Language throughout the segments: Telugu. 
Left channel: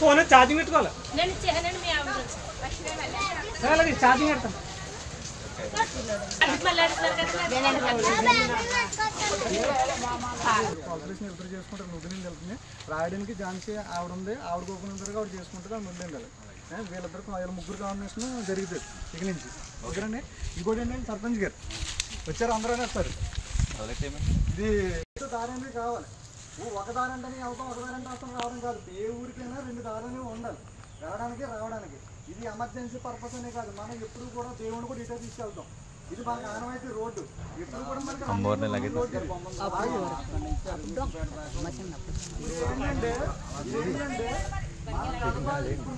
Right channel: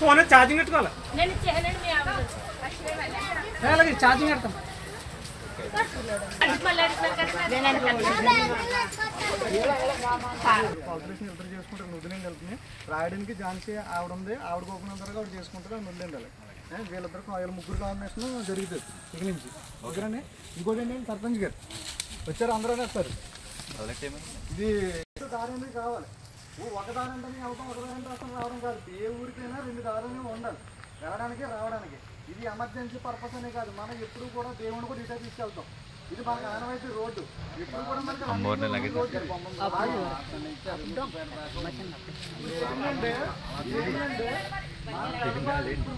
ఫోన్ ఛార్జింగ్ పెట్టుకోవాలి అలాగే ఛార్జింగ్ పెడతాం చేసుకుంటారు ముద్దు నీళ్ళు వెళ్తుంది రాయడానికి ఝాన్సీ ఆవిడ ఉంది ఆవిడ కోకుండా త్వరగా ఆవిడ చేసుకుంటారు ముందు వెళ్ళాలి వీళ్ళిద్దరికి వీళ్ళ ముగ్గురు కాంబినేషన్ జరుగుతుంది ఇక నుంచి ఓకేనండి ఇంకోటి ఏంటంటే సర్పంచ్ గారు వచ్చారు అందరూ వస్తారు ఇది దారి కావాలి ఒక దారి అంటే అవుతాం ఒక దారి అంటే అసలు రావడం కాదు ఏ ఊరికైనా 2 దారులు ఉండాలి వెళ్ళడానికి రావడానికి ఇది ఎమర్జెన్సీ పర్పస్ అనే కాదు మనం ఎప్పుడు కూడా దేవుని కూడా ఇటే తీసుకెళ్తాం ఇది మాకు ఆనవాయితీ రోడ్డు ఎప్పుడు కూడా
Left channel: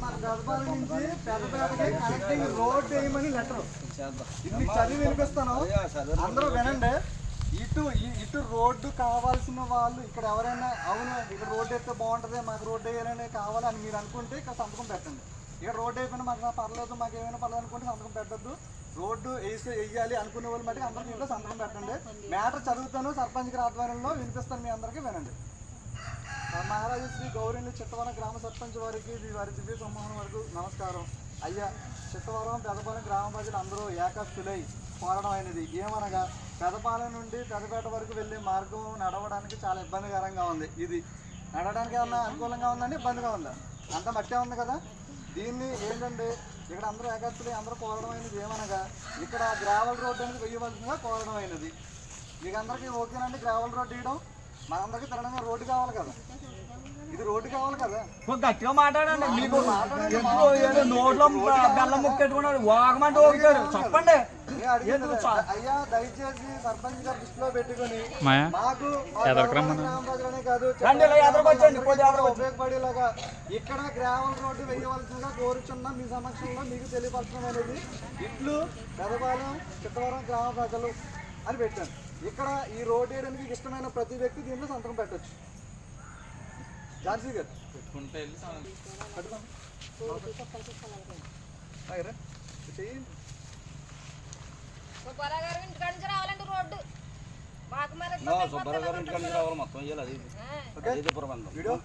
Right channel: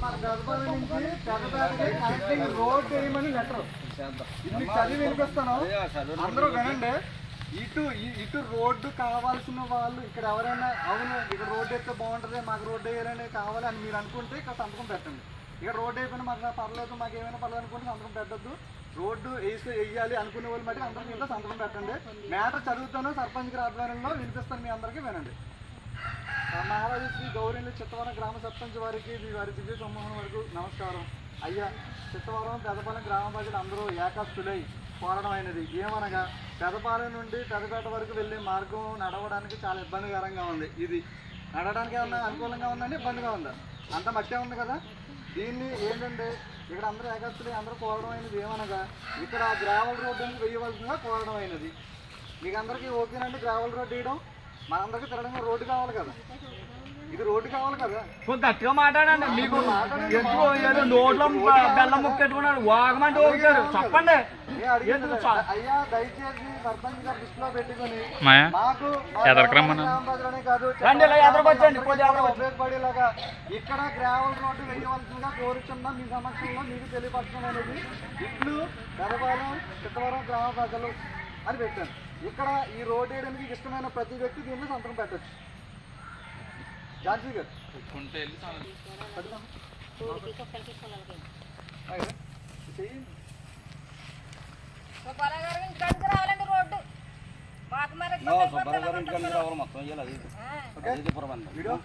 మన గర్భాల నుంచి పెద్దపేటకి రోడ్డు వేయమని లెటర్ ఇది చదివి వినిపిస్తాను అందరూ వినండి ఇటు రోడ్డు కావాల్సిన వాళ్ళు ఇక్కడ ఎవరైనా అవును ఇక్కడ రోడ్డు అయితే బాగుంటుంది మాకు రోడ్డు వేయాలని కావాలని మీరు అనుకుంటే ఇక్కడ సంతకం పెట్టండి ఇక్కడ రోడ్డు అయిపోయినా మాకు పర్లేదు మాకు ఏమైనా పర్లేదు అనుకుంటే సంతకం పెట్టద్దు రోడ్డు వేయాలి అనుకునే వాళ్ళు మట్టి అందరికీ ఇంట్లో సంతకం పెట్టండి మ్యాటర్ చదువుతాను సర్పంచ్ గారి ఆధ్వర్యంలో వినిపిస్తాను మీ అందరికీ వినండి మహారాజు శ్రీ గౌరీని చిత్తవరం గ్రామ సర్పంచ్ వారికి వారి దివ్య సమూహం వరకు నమస్కారం అయ్యా చిత్తవరం పెదపాలెం గ్రామ ప్రజలు అందరూ ఏకాస్తులై కోరడం అయినది ఏమనగా పెదపాలెం నుండి పెదపేట వరకు వెళ్ళే మార్గం నడవడానికి చాలా ఇబ్బందికరంగా ఉంది ఇది నడవడానికి ఏమన్నా అనుకూలంగా ఉందండి ఇబ్బందిగా ఉందా అంత మట్టే ఉంది కదా దీన్ని ఏంటంటే ఇక్కడ అందరూ ఏకాస్తులై అందరూ కోరడం అయినది ఏమనగా ఇక్కడ గ్రావెల్ రోడ్డు అనేది వేయవలసిందిగా కోరడం అయినది మీకు అందరికీ ఓకేనండి గ్రావెల్ రోడ్డు వేయడం మనందరికీ తిరగడం రోడ్డు కావాలి కదా ఇది రోడ్డు కావాలి కదా గట్టిగా మాట్లాడండి మీకు నోట్లో బెల్లం ముక్కెట్టుకున్నాడు వాగమంటే ఓగారు చెప్పండి అయ్యా దయచేసి సర్పంచ్ గారు దృష్టిలో పెట్టుకుని మాకు ఉపయోగపడేలాగా ఇక్కడ గ్రావెల్ రోడ్డు వేయవలసిందిగా కోరుచున్నా మీ సమక్షంలో మీకు తెలియపరచడం అనేది ఇట్లు పెదపాలెం చిత్తవరం గ్రామ ప్రజలు అని పెట్టాను ఇక్కడ ఈ రోడ్డు వేయడానికి ఇష్టమైన ప్రతి వ్యక్తి దీంట్లో సంతకం పెట్టచ్చు ఝాన్సీ గారు సుబ్బారావు గారు ఇంటికాడికి రావాలి మొత్తం వీడియో